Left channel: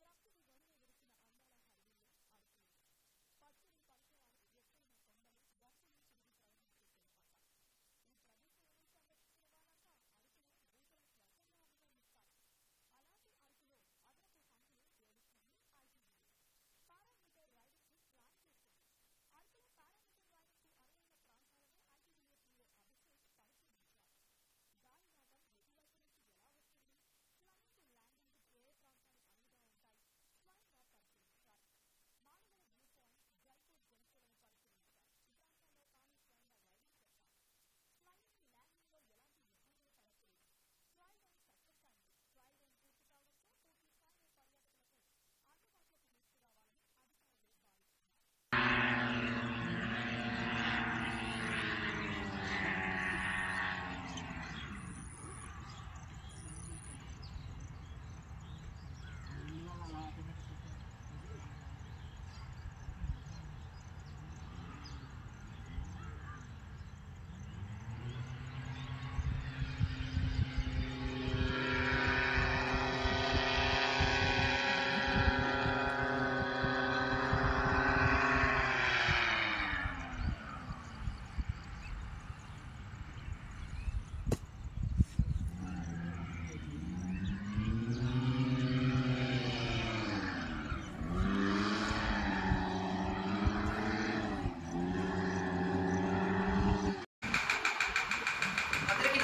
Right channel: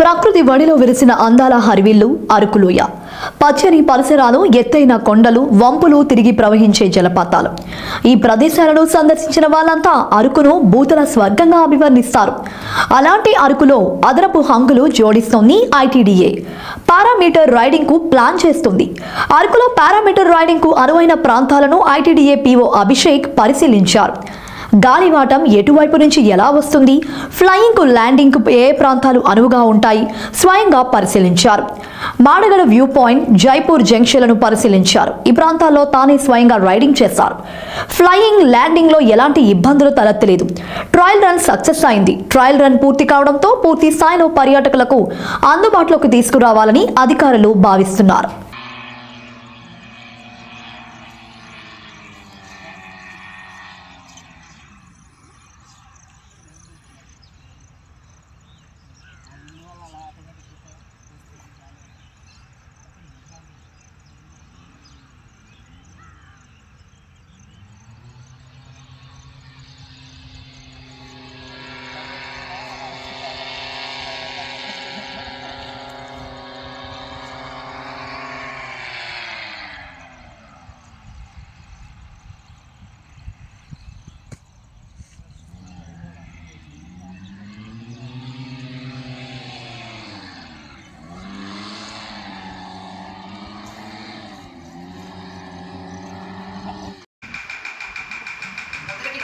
ప్రకృతి వడిలో విరిసిన అందాల హరివిల్లు అరకులోయ. పచ్చని పరిసరాలు, ఎత్తైన కొండలు, వంపులు, తిరిగి ప్రవహించే జలపాతాలు. ఈ ప్రదేశాలను సందర్శించిన వాళ్ళంతా అరకును భూతల స్వర్గంగా అభివర్ణిస్తారు. అలాంటి అరకులో అదనపు హంగులు జోడిస్తోంది ఐటీడీఏ. పారామీటర్ రైడింగ్ కు ప్లాన్ చేస్తుంది. అరకులో పారామీటర్ రైడింగ్ కు అనువైన ప్రాంతాలను ఐటీడీఏ పీఓ అభిషేక్ పరిశీలించారు. గాలివాటం ఎటువైపు నుంచి ఎలా వస్తుంది, ఫ్లయింగ్ కు ల్యాండింగ్ కు ఏ ప్రాంతాలు అనువుగా ఉంటాయి స్వయంగా పరిశీలించారు. మాడగడ వ్యూ పాయింట్, జైపూర్ జంక్షన్లను పరిశీలించారు. ఈ ప్రాంతాల్లో తానే స్వయంగా రైడింగ్ చేశారు. ఫ్లయింగ్, ల్యాండింగ్ లో ఎలాంటి ఇబ్బందులు తలెత్తలేదు. ట్రయల్ రన్ సక్సెస్ అయింది. ట్రయల్ రన్ పూర్తి కావడంతో పూర్తి స్థాయిలో పర్యాటకులకు అందుబాటులోకి తీసుకురావాలని అధికారులు భావిస్తున్నారు.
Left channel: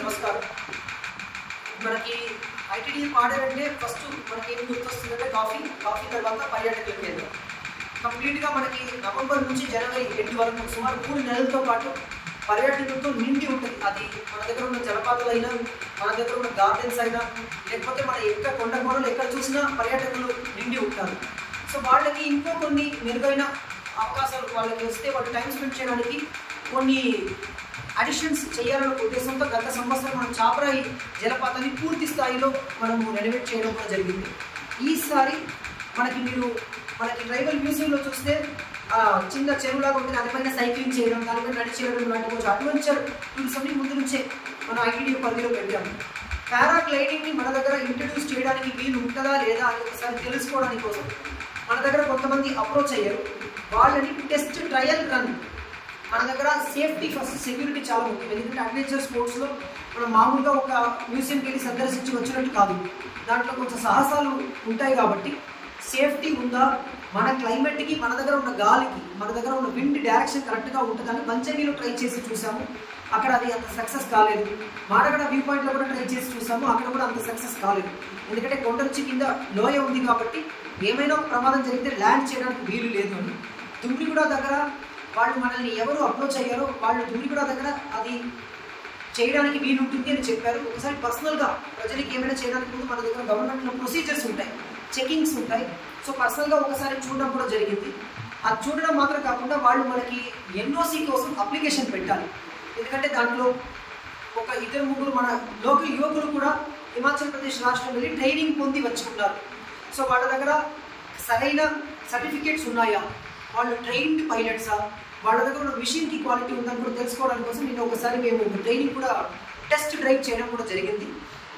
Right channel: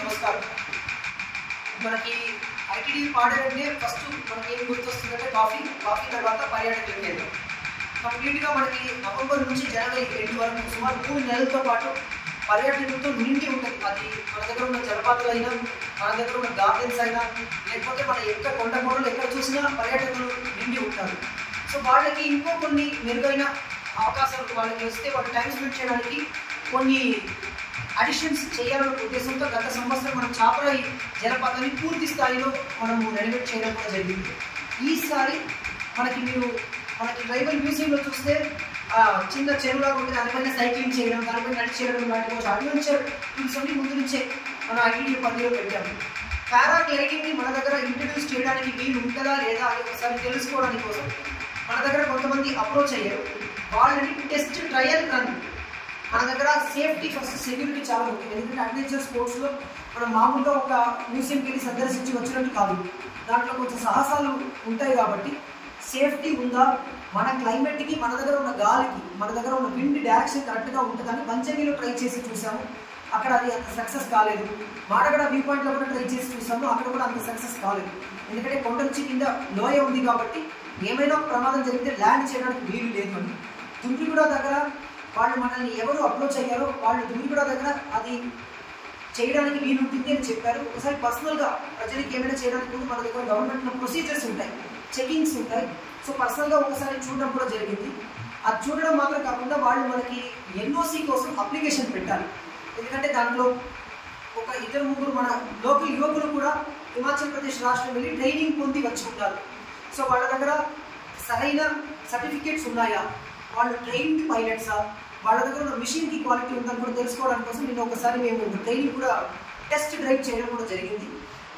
నమస్కారం. మనకి ఐటీడీ పాడేరంటే ఫస్ట్ మనకి ఏం గుర్తొస్తుందంటే కాఫీ తర్వాత పర్యాటకుల కేంద్రం. కంప్లీట్గా మనకి నవంబర్ నుంచి జనవరి ఎండ్ వరకు సుమారు 3 నెలలతో పాటు పర్యాటకులతో నిండి ఉంటుంది. అది మన దగ్గర ఉన్న జలపాతాలైనా, మన దగ్గర ఉన్న గార్డెన్స్ అయినా, లేకపోతే మన ఎక్కడ కొండ కోణలు ఎక్కడ చూసినా పర్యాటకులు నిండి ఉంటారు. సో వాళ్ళకి ఇంకో కొన్ని మెరుగైన అవకాశాలు వాళ్ళకి వస్తే వాళ్ళు టైం స్పెండ్ చేయడానికి కొన్ని అడిషన్స్ చేయాలన్న ఉద్దేశంతో గత సంవత్సరం మనం చాపరాయి జలపాతాన్ని పూర్తి స్థాయిలో మనం రెనోవేట్ చేయడం కూడా జరిగింది. ఈసారి మనకి ట్రైబల్ మ్యూజియంలో చూస్తే చిన్న చెరువులాగా ఉంటుంది, దానిపైన సైక్లింగ్ చేయడం, దానిపైన నడిచి చేయడం లాంటి కొంచెం అడ్వెంచర్ టూల్స్ అన్ని ముందు నుంచే మనం ఐటీడీ పరిధిలో పెట్టాము. పారాగ్లైడింగ్ని మన దగ్గర ఇంట్రడ్యూస్ చేయడానికి వీలు ఉంటుందా లేదా అని ఒకసారి తెలుసుకోవడానికి కోసం మన దగ్గర కొంతమంది అప్రోచ్ అయ్యారు. వాళ్ళని టెస్ట్ ట్రయల్ రన్, మన దగ్గర సేఫ్టీ ఫస్ట్, సెక్యూరిటీ చాలా ముఖ్యం. ఎందుకంటే అడ్వెంచర్ స్పోర్ట్స్లో మనం మామూలుగా ఒక మ్యూజియంకి వెళ్ళి సందర్శించి వచ్చినట్టు కాదు, దాంట్లో కొంచెం సాహసాలు ఉంటాయి. కాబట్టి సేఫ్టీ ఉందా, మన క్లైమేట్కి, మన దగ్గర ఉన్న గాలికి, మన దగ్గర ఉన్న విండ్ డైరెక్షన్ కరెక్ట్గా ఉంటుందని మంచనీలో ట్రై చేసి చూసాము. అక్కడ అది అంత సక్సెస్ కాలేదు. మాడగడ వ్యూ పాయింట్లో కూడా ట్రై చేసి చూసాము, అక్కడ కూడా అంత సక్సెస్ కాలేదు. ఎందుకంటే కొండ నుంచి కింద లోయ ఉంది కాబట్టి ఏమైనా ప్రమాదం జరిగితే ల్యాండ్ చేయడానికి వీలు లేదు అని. దుమ్మిగూడ దగ్గర వాళ్ళు మనల్ని ఎవరు అప్రోచ్ అయ్యారో వాళ్ళు దుమ్మిగూడ దగ్గర అది చేయడానికి వీలుంటుంది అని చెప్పారు. ఒకసారి పర్సనల్గా ప్రజలకి ఏమైనా చేయడానికి ముందు మన దగ్గర గవర్నమెంట్లో ప్రొసీజర్స్ ఉంటాయి, చెకింగ్స్ ఉంటాయి. సో పర్సనల్గా ఒకసారి చూడడం కూడా జరిగింది. అది చూడడం మాత్రం కాకుండా వాళ్ళు మనకి ఎన్ఓసి కోసం అప్లికేషన్ పెట్టాలి. ఎందుకంటే దాంట్లో ఒక 2-3 మన లోకల్ యువకులు కూడా హిమాచల్ ప్రదేశ్ రాష్ట్రం వెళ్ళి ట్రైనింగ్ పొంది వచ్చి ఉన్నారు. సో వాళ్ళ దగ్గర సరైన సర్టిఫికేట్స్ ఉన్నాయా, వాళ్ళు ట్రైన్డ్ పైలట్సా, వాళ్ళ దగ్గర ఉన్న మిషన్కి క్వాలిటీ ఉందని కూడా తెలుసుకోవడానికి కోసం నేను ఒకసారి మేము ట్రైనింగ్ కూడా టెస్ట్ డ్రైవ్ చేయడం కూడా జరిగింది.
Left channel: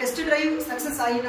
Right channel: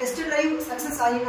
టెస్ట్ డ్రైవ్ సక్సెస్ అయిన